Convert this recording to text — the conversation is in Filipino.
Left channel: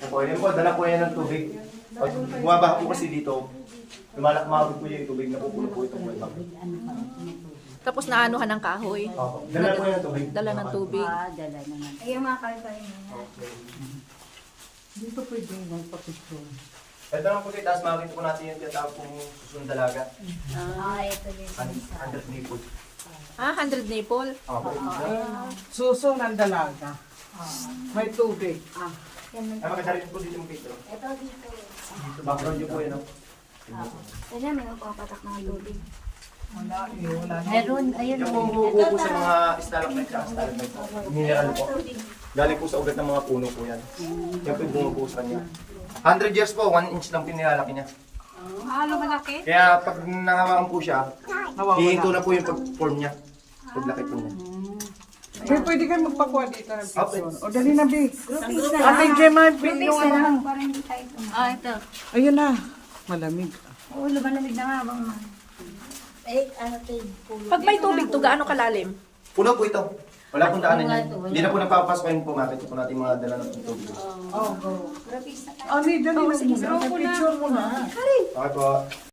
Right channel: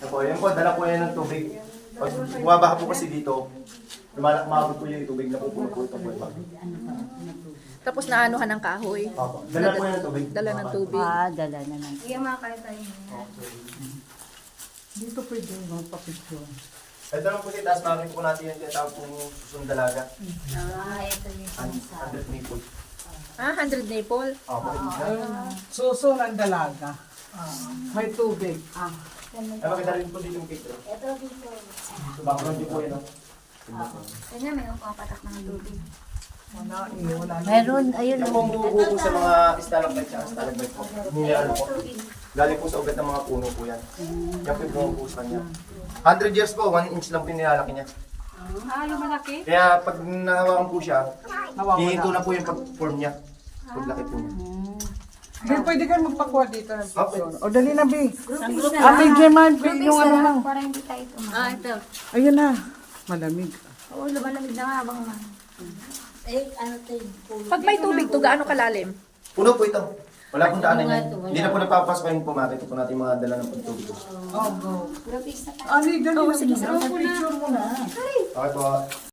Ako, yun po, dala po yan ng tubig. Pag bumabaha po kasi dito, lumalakmabot po yung tubig na pupuno po ito po yung bagay. Tapos naanuhan ng kahoy. Opo. Dala po yan ng tubig. Dala ng tubig. Dala na lang. Ay, yung mga kain-kain mo. Okay. Dito pwede magpapicture. Ito lang po si taas, makikita po natin yung tinatawag pong susundalaga. Ito yung sinasabi. 100 nipple. 100 nipple. Opo. Suso ng dalaga. May tubig. Yan, Ay, makita rin po dito yung picture. ito dito. So, background yun po yun, no? Kanya may pumapatak ng tubig. Wala, wala na. Meron, ayun. Yan po ang buo po sa mga stalagmite at stalagmite po. Mineral po. Galing po sa ugat ng mga puno po yan. Yan po yung buong po sa kanya. 100 years po, 1 inch lang pinilalaki niya. Lumalaki? Kaya pag nahawakan po siya, Nawawala. hihinto na po yung pag-form niya. Paglaki po niya. May pwede kayo magpakuha dito ng Okay. picture. O dali na, Big. Groupings na Ate lang. Gemma, Groupings yung na ano. lang para hindi tayo tumakas. Ito. Ayun na. Malamig. Oo, lumalamig na nga habang man. Pag may tubig to, gaano kalalim? Puno po ito. Wala pong daanan yan. Hindi na po nagpapasok yung pumakit po natin mga dala ng tubig. Oh, go. Groupings na tayo. Ani, dali na. Picture mo na. Okay po.